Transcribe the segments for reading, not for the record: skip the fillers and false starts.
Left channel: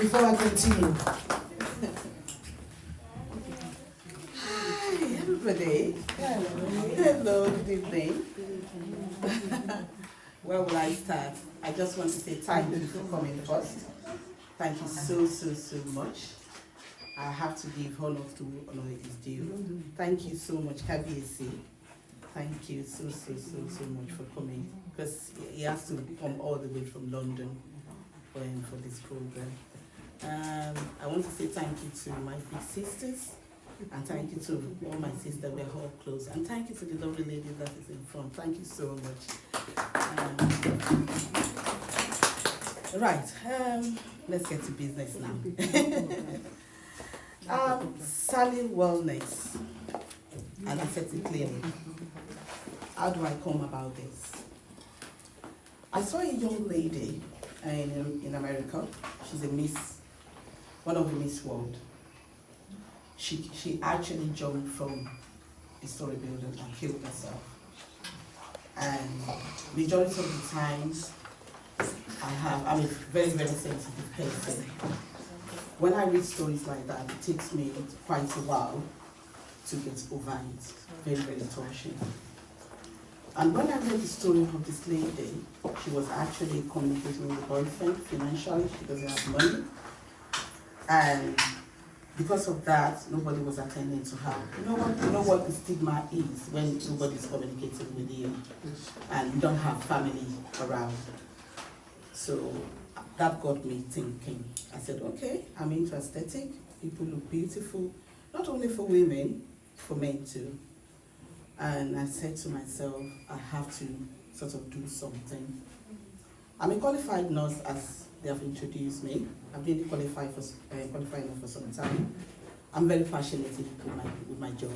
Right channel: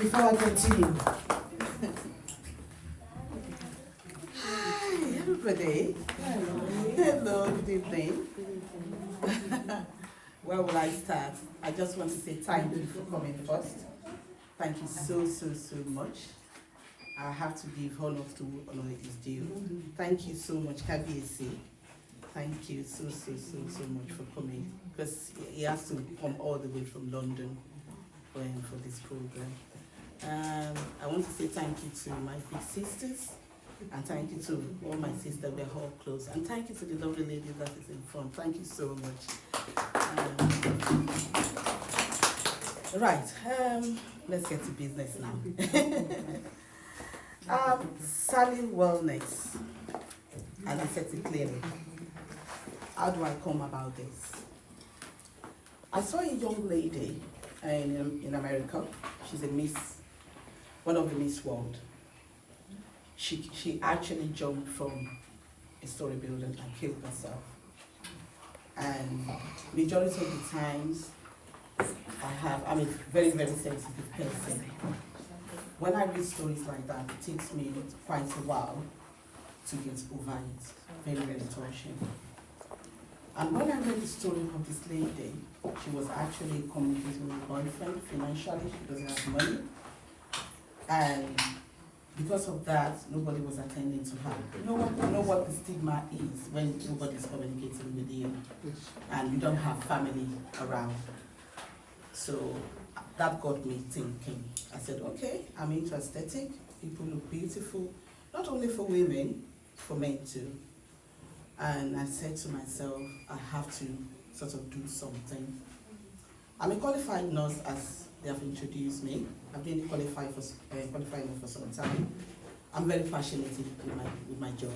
before I continue. Hi, everybody. Hello, good evening. Where will I start? I just want to say thank you for coming first. Thank you so much. I have to give honor to honor is due. Thank you so much, KBAC. Thank you so much for coming, because he has to come all the way from London for this program. I want to say thank you to my big sisters, and thank you to all my sisters. We're all close, and thank you to the lovely lady that is in front. Thank you so much. Let's get to business now. Sally Wellness and Aesthetic Clinic. How do I come about this? I saw a young lady in America. She's a Miss, one of the Miss World. She actually jumped from a story building and killed herself. And majority of the times, I'm a very sensitive person. When I read stories like that, it takes me quite a while to get over it. Very touching. And when I read the story of this lady, she was actually communicating with a boyfriend financially. She doesn't have money. And because of that, nobody was attending to her. You know what the stigma is when nobody's communicating with you and you don't have family around. So that got me thinking. I said, okay, I'm into aesthetic. People look beautiful, not only for women, for men too. And I said to myself, I have to sort of do something. I'm a qualified nurse, as they have introduced me. I've been qualified for some time. I'm very passionate with my job.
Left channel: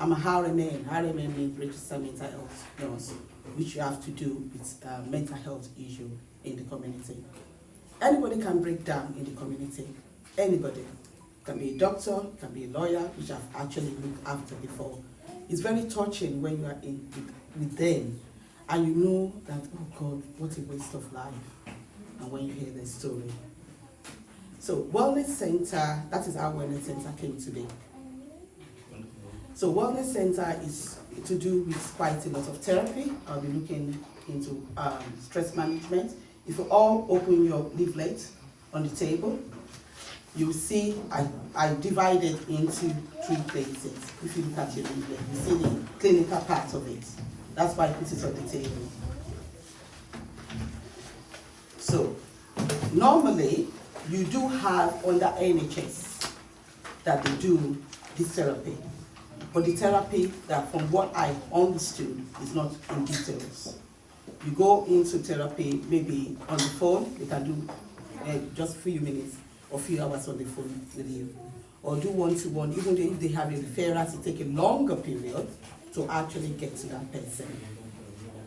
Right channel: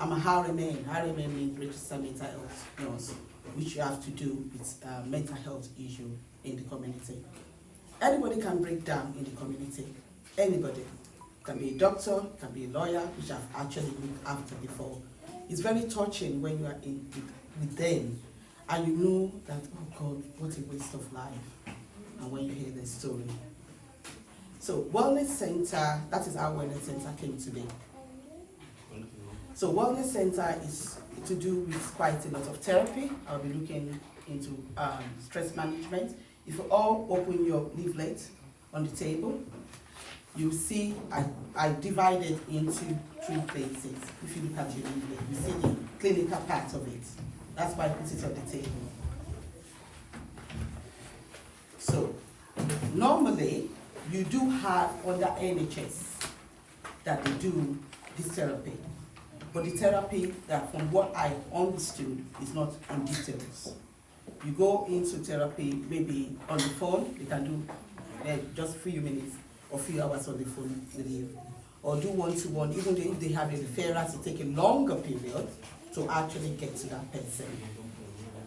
I'm a RMN. RMN means registered mental health nurse, which you have to do with mental health issue in the community. Anybody can break down in the community. Anybody. Can be a doctor, can be a lawyer, which I've actually looked after before. It's very touching when you are with them and you know that, oh God, what a waste of life. And when you hear their story. So Wellness Center, that is how Wellness Center came today. So Wellness Center is to do with quite a lot of therapy. I'll be looking into stress management. If you all open your leaflet on the table, you see I divided into 3 places. If you look at your leaflet, you see the clinical part of it. That's why I put it on the table. So, normally, you do have under NHS that they do this therapy. But the therapy, that from what I understood, is not in details. You go into therapy maybe on the phone, you can do just a few minutes or few hours on the phone with you. Or do one-to-one, even if they have a referral, it take a longer period to actually get to that person.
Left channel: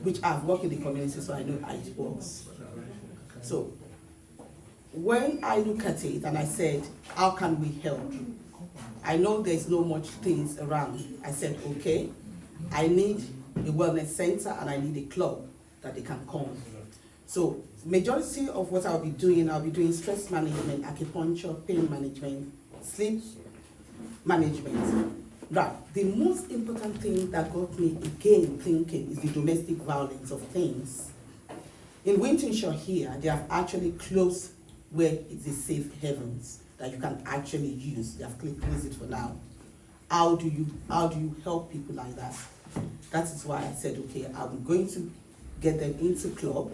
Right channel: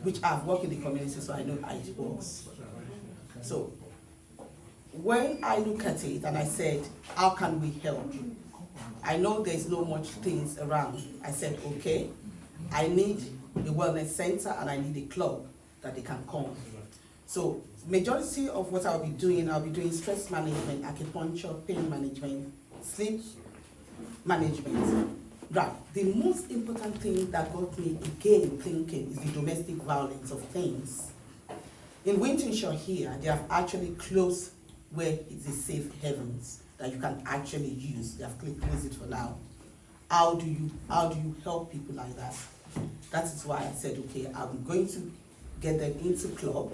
Which I've worked in the community, so I know how it works. So, when I look at it and I said, how can we help? I know there's no much things around. I said, okay, I need a wellness center and I need a club that they can come. So, majority of what I'll be doing stress management, acupuncture, pain management, sleep management. Right, the most important thing that got me again thinking is the domestic violence of things. In Wintonshire here, they have actually closed where it's a safe havens that you can actually use. They have closed it for now. How do you help people like that? That is why I said, okay, I'm going to get them into club.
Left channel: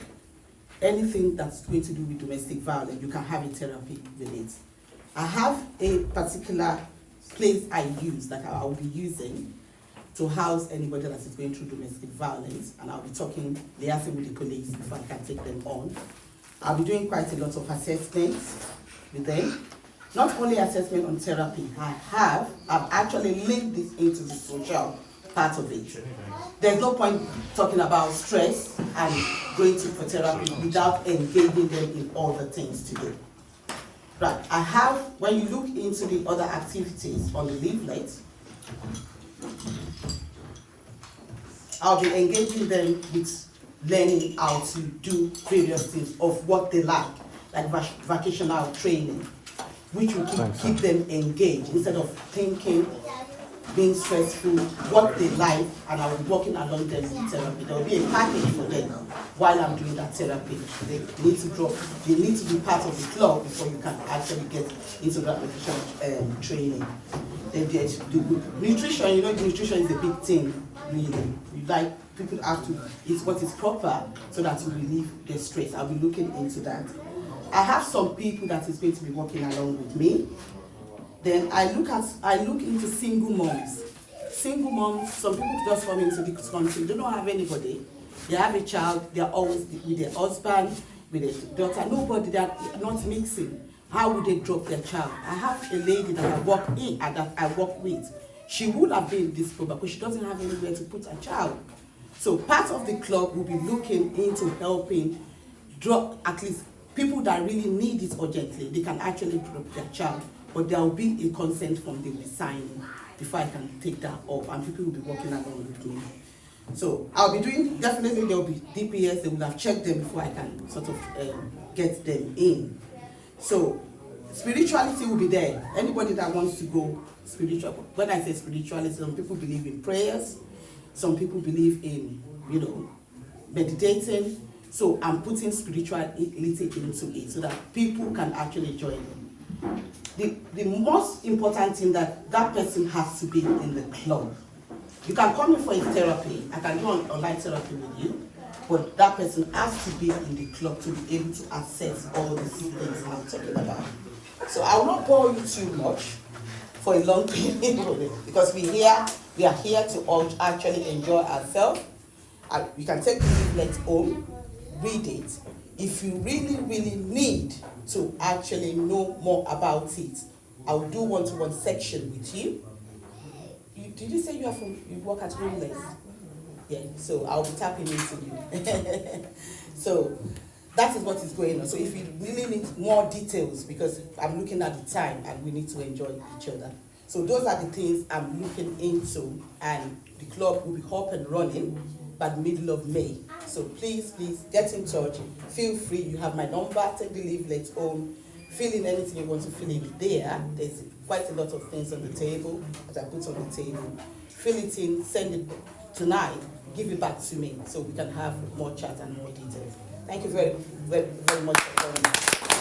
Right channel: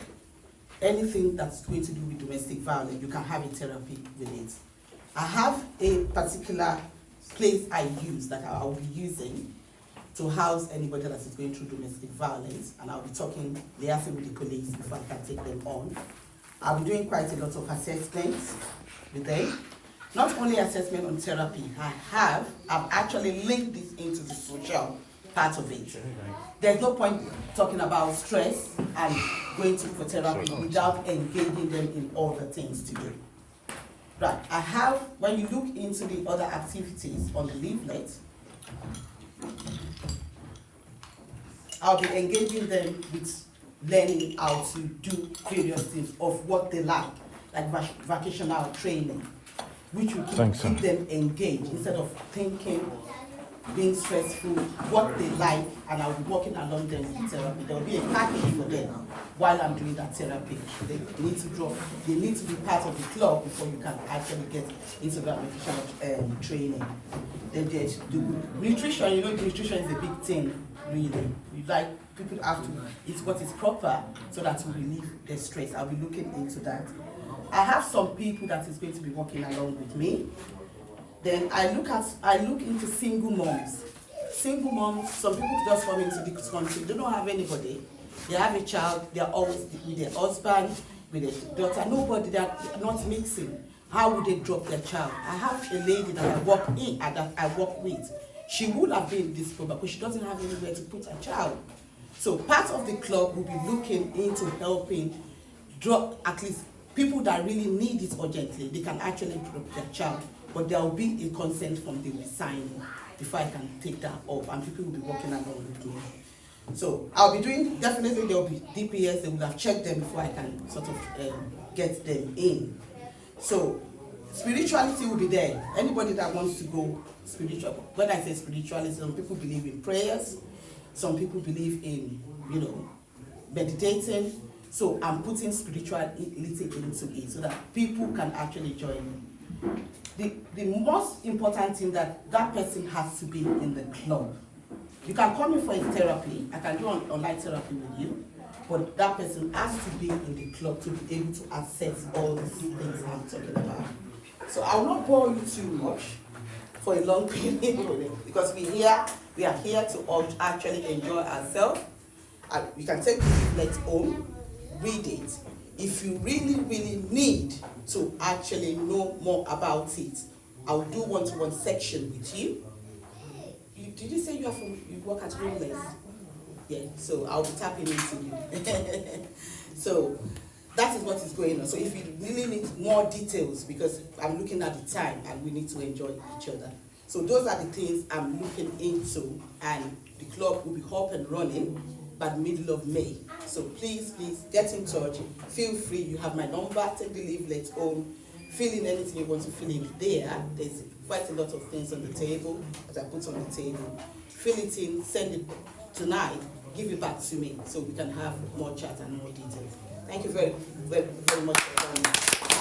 Anything that's going to do with domestic violence, you can have a therapy with it. I have a particular place I use that I will be using to house anybody that is going through domestic violence, and I'll be liaising with the police before I can take them on. I'll be doing quite a lot of assessments with them. Not only assessment on therapy, I've actually linked this into the social part of it. There's no point talking about stress and going for therapy without engaging them in all the things to do. Right, when you look into the other activities on the leaflet, I'll be engaging them with learning how to do various things of what they like like vocational training, which will keep them engaged instead of thinking, being stressful, what they like, and I'll be working along them in therapy. There will be a package for them while I'm doing that therapy. They need to be part of the club before you can actually get into that nutritional training. Then there's the nutrition. You know, nutrition is a big thing, really. People have to eat what is proper so that to relieve their stress. I'll be looking into that. I have some people that is going to be working along with me. Then I look into single moms. Single moms, some people just come into this country, they don't have anybody. They have a child, they're always with their husband, with their daughter, nobody, they're not mixing. How would they drop their child? I have a lady that I work with. She would have been in this program, but she doesn't have anywhere to put her child. So part of the club will be looking into helping drop at least people that really need it urgently. They can actually drop their child, but there will be a consent from the signing before I can take that up, and people will be working along with me. So I'll be doing, definitely there will be DPS, they will have checked them before I can sort of get them in. So spirituality will be there. Anybody that wants to go spiritual, when I say spirituality, some people believe in prayers, some people believe in, meditating. So I'm putting spirituality into it so that people can actually join in. The most important thing that person has to be in the club. You can come in for a therapy, I can do an online therapy with you, but that person has to be in the club to be able to access all these things I'm talking about. So I will not bore you too much for a long period because we are here to all actually enjoy ourselves. You can take the leaflet home, read it. If you really need to actually know more about it, I will do one-to-one section with you. Did you say you work at Homeless? Yeah, so I'll be tapping into you. So that is what is going on. So if you really need more details, because I'm looking at the time and we need to enjoy each other. So those are the things I'm looking into, and the club will be up and running by the middle of May. So please get in touch. Feel free. You have my number. Take the leaflet home. Fill in anything you want to fill in there. There's quite a lot of things on the table that I put on the table. Fill it in. Send it tonight. Give it back to me so we can have more chat and more details. Thank you very, very, very much for coming.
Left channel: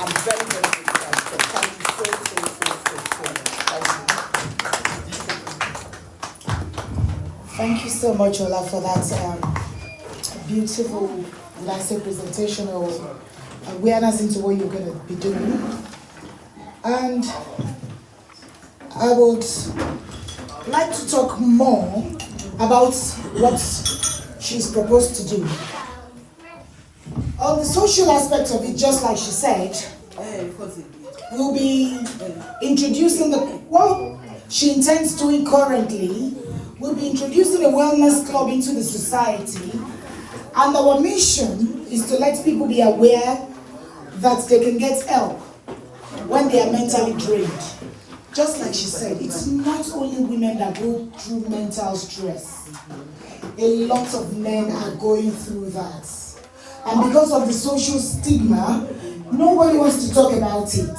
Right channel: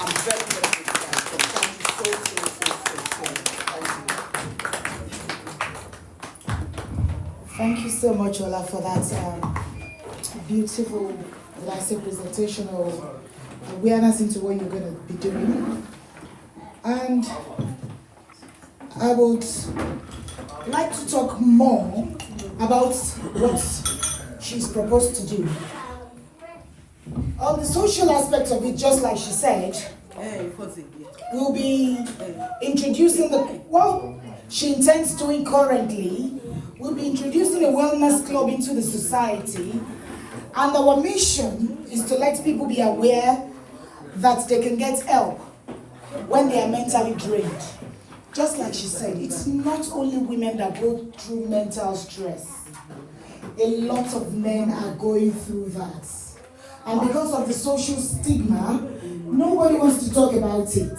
I'm very, very grateful. Thank you so. Thank you so much, Ola, for that beautiful, nice presentation of awareness into what you're going to be doing. And I would like to talk more about what she's proposed to do. On the social aspect of it, just like she said, we'll be introducing what she intends doing currently. We'll be introducing a wellness club into the society, and our mission is to let people be aware that they can get help when they are mentally drained. Just like she said, it's not only women that go through mental stress. A lot of men are going through that. And because of the social stigma, nobody wants to talk about it.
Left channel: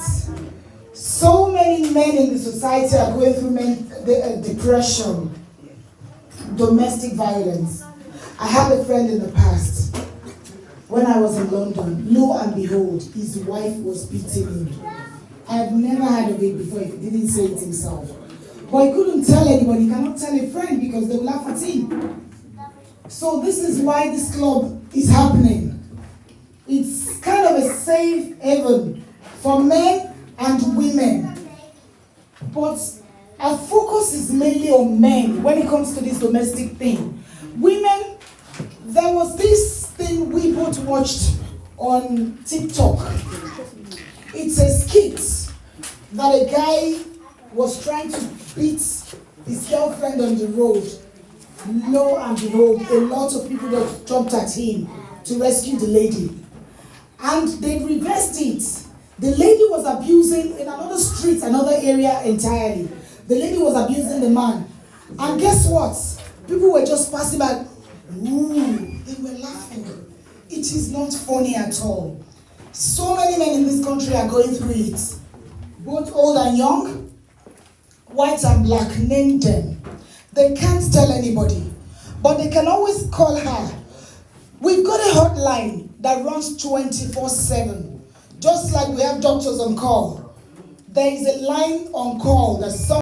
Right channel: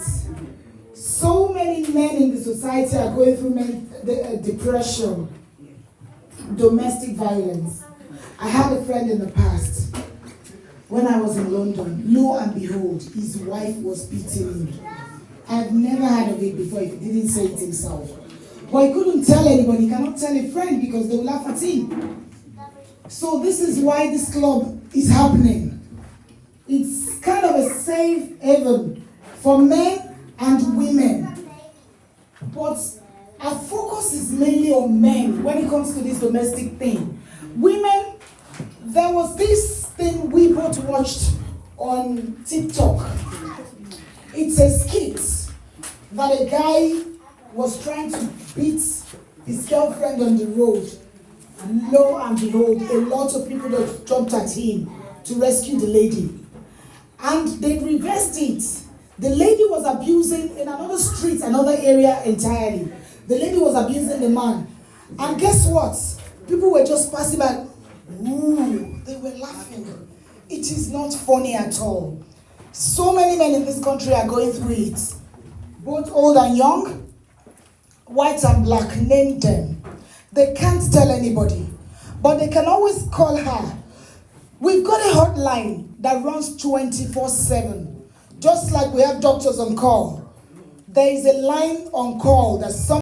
So many men in the society are going through depression, domestic violence. I had a friend in the past, when I was in London, lo and behold, his wife was beating him. I've never heard of it before, he didn't say it himself. But he couldn't tell anybody, he cannot tell a friend because they will laugh at him. So this is why this club is happening. It's kind of a safe haven for men and women. But our focus is mainly on men when it comes to this domestic thing. Women, there was this thing we both watched on TikTok. It's a skit that a guy was trying to beat his girlfriend on the road. Lo and behold, a lot of people that jumped at him to rescue the lady. And they reversed it. The lady was abusing in another street, another area entirely. The lady was abusing the man. And guess what? People were just passing by. Ooh, they were laughing. It is not funny at all. So many men in this country are going through it, both old and young, white and black, name them. They can't tell anybody, but they can always call her. We've got a hotline that runs 24/7, just like we have doctors on call. There is a line on call that